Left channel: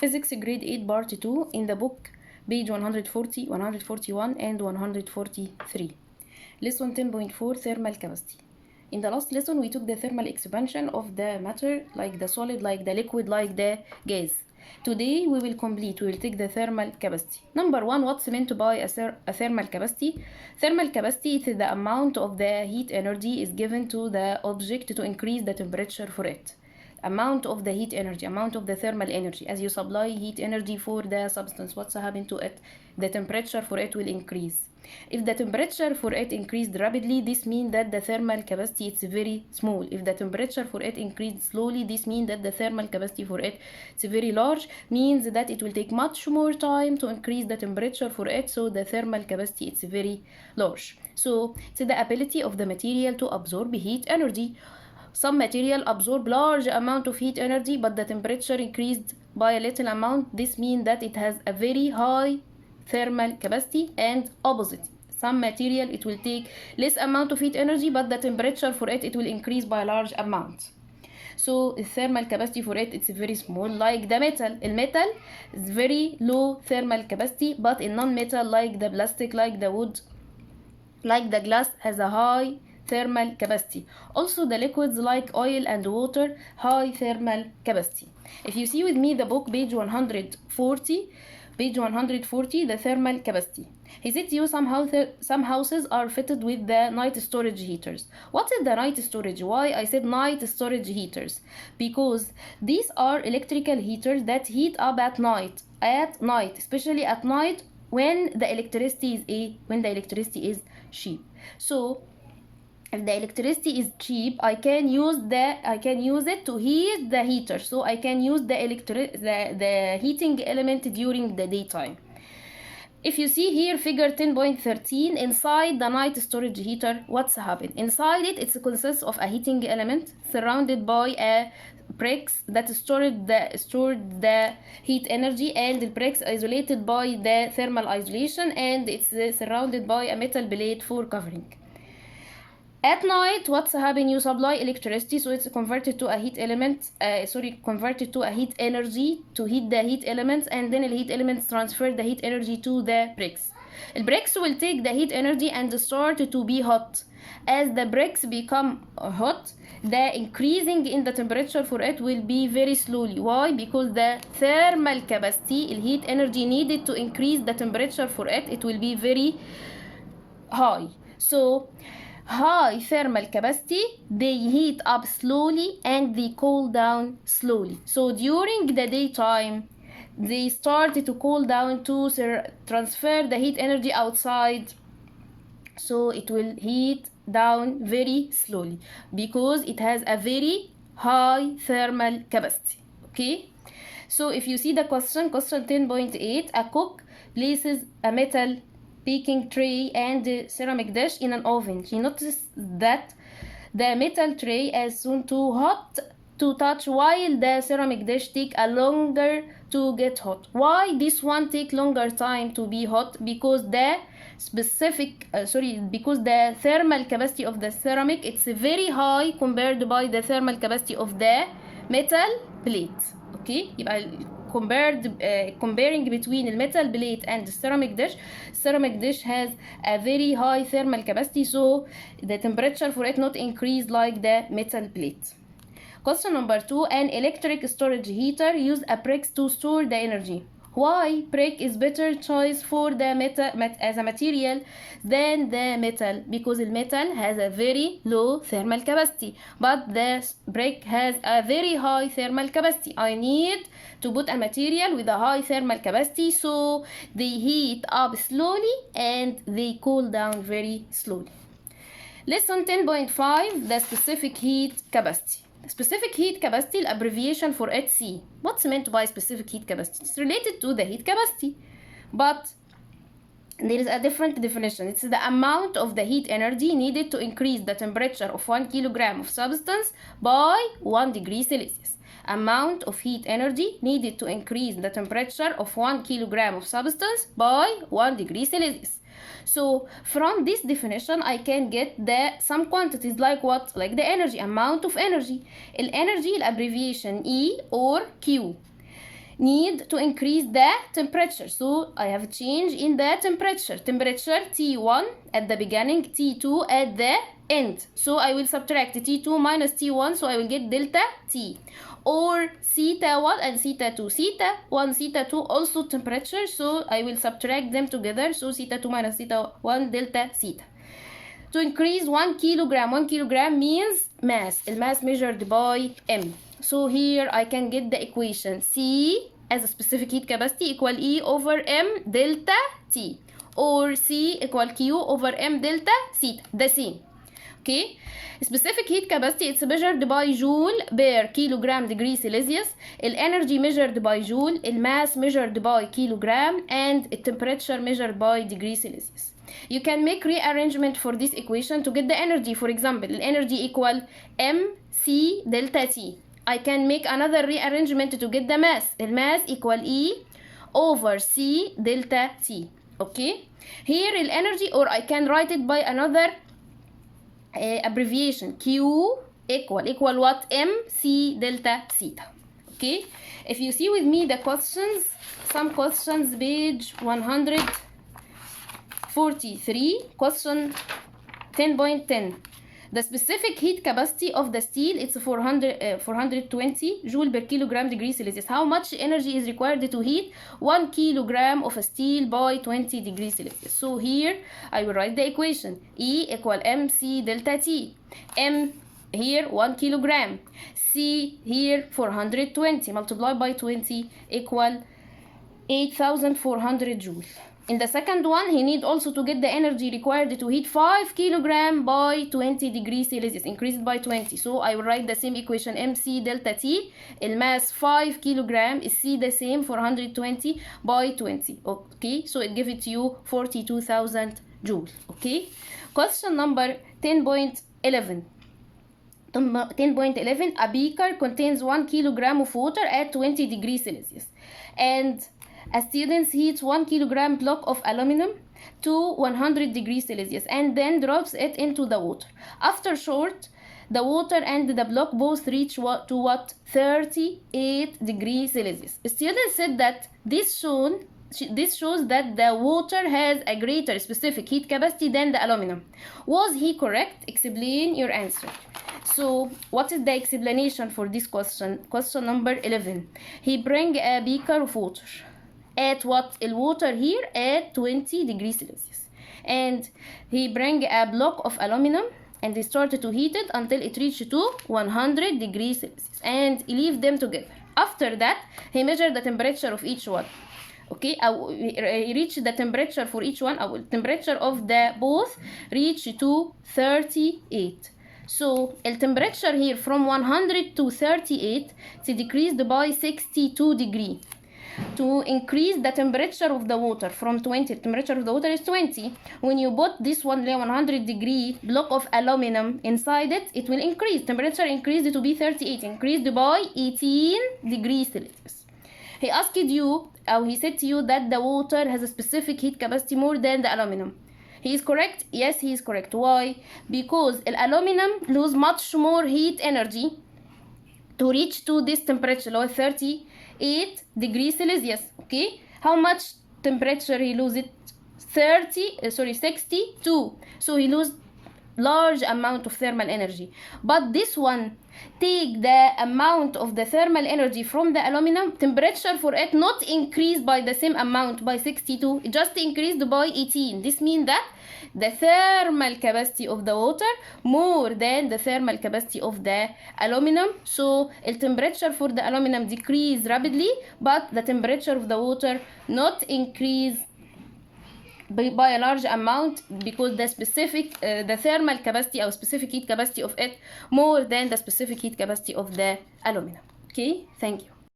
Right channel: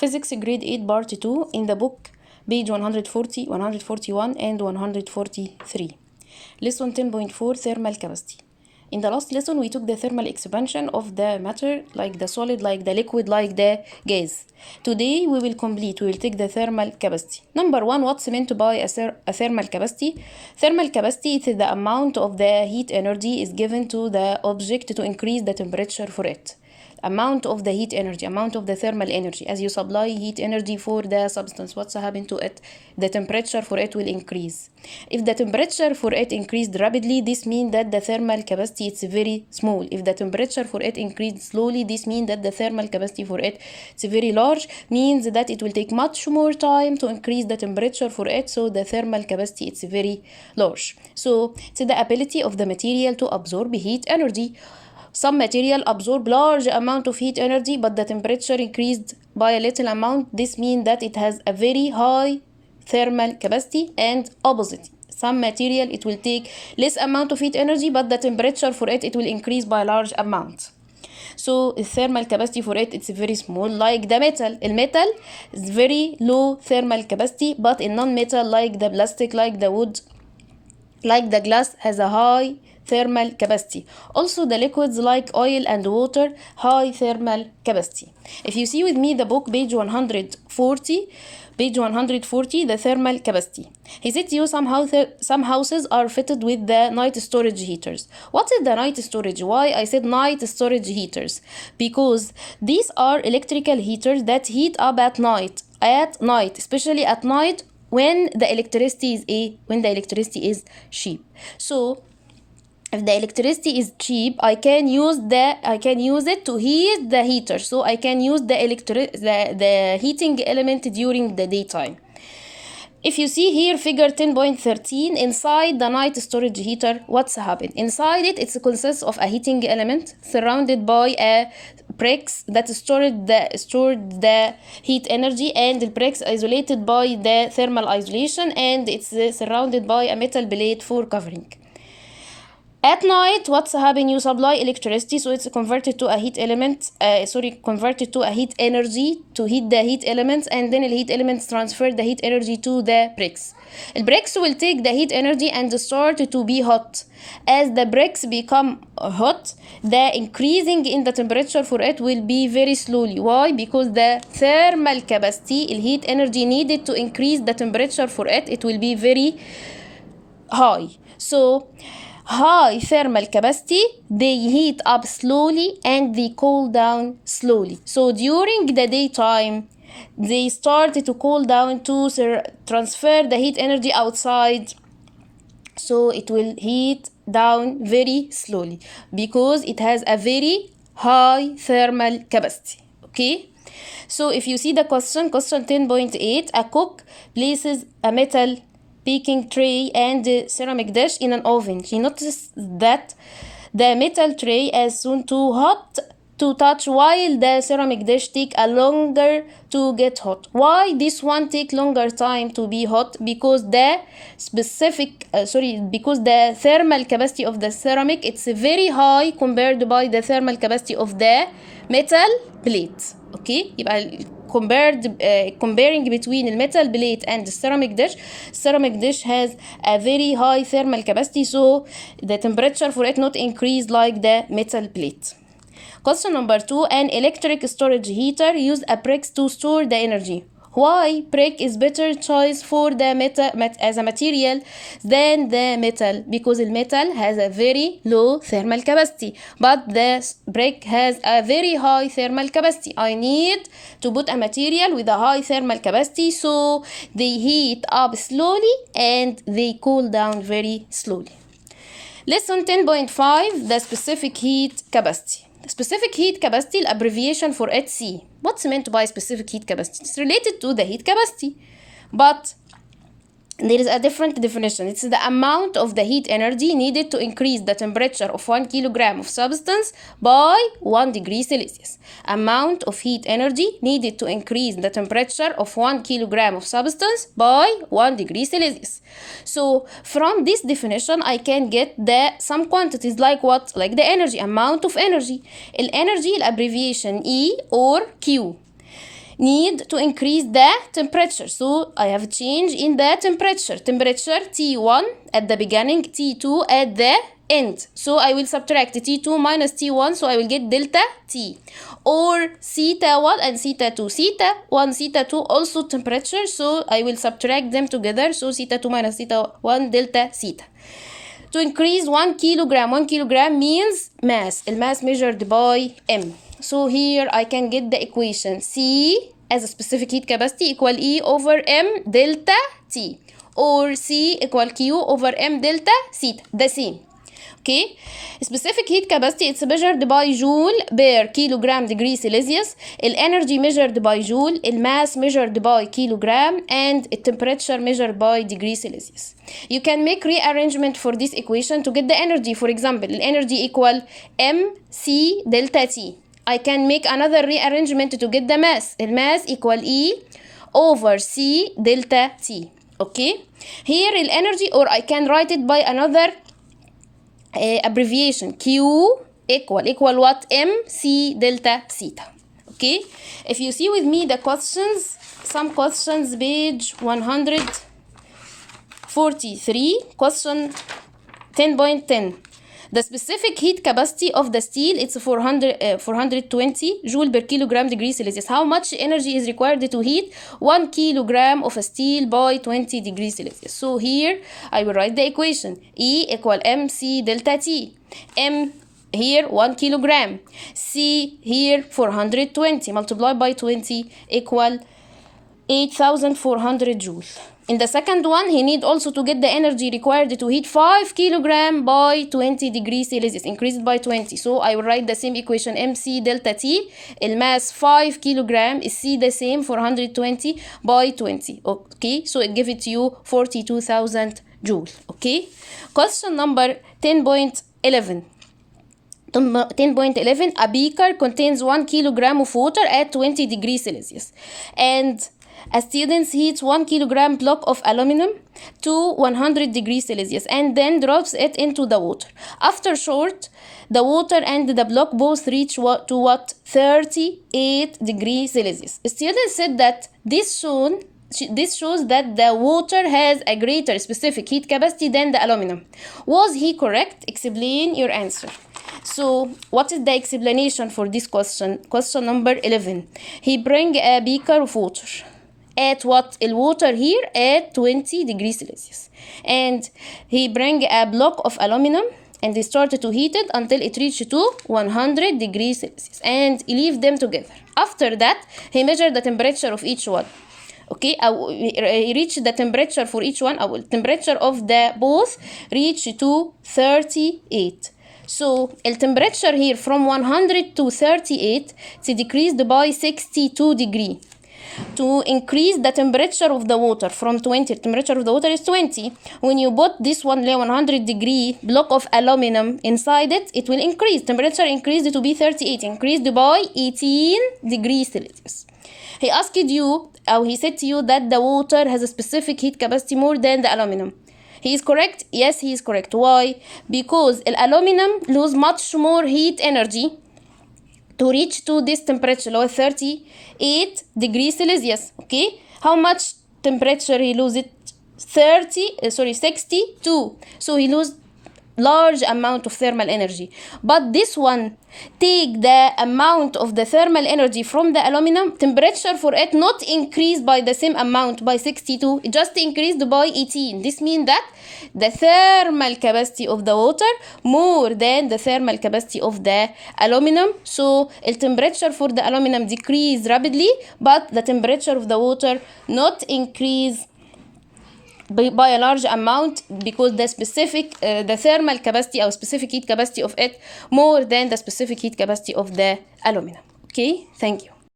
Physics Grade 8 Part 2 in the book, page 140, 141 and 143. Lesson 10.4 Thermal Capacity. In the last lesson, we took the thermal expansion of the matter, like the solid, like the liquid, like the gas. Today, we will take the thermal capacity. Number one, what's meant by a thermal capacity? Thermal capacity is the amount of the heat energy is given to the object to increase the temperature for it. Amount of the heat energy, amount of the thermal energy. As you supply heat energy for the substance, what's happened to it? The temperature for it will increase. If the temperature for it increased rapidly, this means that the thermal capacity is very small. If the temperature for it increased slowly, this means that the thermal capacity for it is very large, means that it will take much more time to increase the temperature for it, so the thermal capacity is very large. So it's the ability of the material to absorb heat energy. Some material absorb large amount of heat energy, but the temperature increased by a little amount. This means that it has a very high thermal capacity, and opposite. Some material, it will take less amount of heat energy, but the temperature for it will increase by a large amount. So the thermal capacity for it, it's very small, like the metal. The metal is very low thermal capacity, but in non-metal, like the plastic, like the wood, like the glass, has a high thermal capacity. Also the liquids like oil and water, high thermal capacity. If you see with me the book, page 140, the thermal capacity. He said to you some houses are fitted with the night storage heaters. What is the night storage? Why I said night storage heaters? Because these are electrical heaters that heat up at night, especially at night when the electricity is cheap. So if the electricity is cheap, I can use it to heat the heater. So I can use the heating element during the daytime. If you see here figure 10.13, inside the night storage heater, what's happened? Inside it consists of a heating element surrounded by a bricks that stored the heat energy, and the bricks isolated by the thermal isolation, and it's surrounded by a metal plate for covering. At night, what's happening? You supply electricity, so it's converted to a heat energy to heat the heat elements, and then the heat elements transfer the heat energy to the bricks. The bricks will take the heat energy and start to be hot. As the bricks become hot, the increasing in the temperature for it will be very slowly. Why? Because the thermal capacity, the heat energy needed to increase the temperature for it will be very high. So high thermal capacity, they heat up slowly and they cool down slowly. So during the daytime, they start to cool down to transfer the heat energy outside. So it will heat down very slowly because it has a very high thermal capacity. Okay? So if you see the question 10.8, a cook places a metal baking tray and ceramic dish in an oven. She noticed that the metal is as soon too hot to touch, while the ceramic dish take a longer to get hot. Why this one take longer time to be hot? Because the thermal capacity of the ceramic, it's very high compared by the thermal capacity of the metal plate. Okay, comparing between the metal plate and the ceramic dish has a very high thermal capacity, so the temperature for it not increase like the metal plate. Question number 2, an electric storage heater use a bricks to store the energy. Why brick is better choice for the metal as a material than the metal? Because the metal has a very low thermal capacity, but the brick has a very high thermal capacity. I need to put a material with a high thermal capacity, so they heat up slowly and they cool down very slowly. Lesson 10.5, the specific heat capacity. Specific heat capacity, abbreviation for HC. What's meant by specific heat capacity? It's related to the heat capacity, but there is a different definition. It's the amount of the heat energy needed to increase the temperature of 1 kilogram of substance by 1 degree Celsius. Amount of heat energy needed to increase the temperature of 1 kilogram of substance by 1 degree Celsius. So from this definition, I can get some quantities like what? Like the energy, amount of energy. Energy, abbreviation E or Q. need to increase the temperature. So I have a change in the temperature. Temperature T1 at the beginning, T2 at the end. So I will subtract T2 minus T1, so I will get delta T. Or theta 1 and theta 2. Theta 1, theta 2 also temperature, so I will subtract them together. So theta 2 minus theta 1 delta theta. To increase 1 kilogram, 1 kilogram means mass. Mass measured by M. So here I can get the equation C as a specific heat capacity equal E over M delta T, or C equal Q over M delta theta, the same. Okay, specific heat capacity, it's measured by joule per kilogram degree Celsius. Energy measured by joule, mass measured by kilogram, and temperature measured by degree Celsius. You can make rearrangement for this equation to get the energy. For example, energy equal mc delta T. I can make another rearrangement to get the mass. Mass equal E over C delta T. Okay, here energy, or I can write it by another abbreviation, Q equal what? MC delta theta. Okay, if you see with me the questions, some questions, page 143, question 10.10. The specific heat capacity of the steel, it's 420 joule per kilogram degree Celsius. How much energy is required to heat 1 kilogram of a steel by 20 degrees Celsius? So here I will write the equation. E equal mc delta T. M here 1 kilogram. C here 420 multiplied by 20 equal 8,400 joules. In the second one, he need also to get the energy required to heat 5 kilogram by 20 degrees Celsius, increased by 20. So I will write the same equation, mc delta T. Mass 5 kilogram is C the same, 420 by 20. Okay, so it gives it to you 42,000 joules. Okay, question number 10.11. 10.11, a beaker contains 1 kilogram of water at 20 degrees Celsius, and a student heats 1 kilogram block of aluminum to 100 degrees Celsius and then drops it into the water. After short, the water and the block both reach to what? 38 degrees Celsius. The student said that this shows that the water has a greater specific heat capacity than the aluminum. Was he correct? Explain your answer. So what is the explanation for this question? Question number 11. He bring a beaker of water. At what? The water here at 20 degrees Celsius. And he bring a block of aluminum and they started to heat it until it reached to 100 degrees Celsius. And he leave them together. After that, he measured the temperature of each one. Okay, he reached the temperature for each one. Temperature of the both reached to 38. So the temperature here from 100 to 38, it's decreased by 62 degrees. To increase the temperature of the water from 20, temperature of the water is 20. When you put this 100 degree block of aluminum inside it, it will increase. Temperature increased to be 38, increased by 18 degrees Celsius. He asked you, or he said to you that the water has a specific heat capacity more than the aluminum. He is correct? Yes, he is correct. Why? Because the aluminum lose much more heat energy to reach to this temperature, 38 degrees Celsius. Okay, how much temperature he lose it? 62. So he lose large amount of thermal energy. But this one take the amount of the thermal energy from the aluminum, temperature for it not increased by the same amount by 62, it just increased by 18. This means that the thermal capacity of the water more than the thermal capacity of the aluminum. So the temperature for the aluminum decrease rapidly, but the temperature of the water not increase by a large amount, because the specific the thermal capacity or specific heat capacity of it more than the specific heat capacity of the aluminum. Okay, thank you.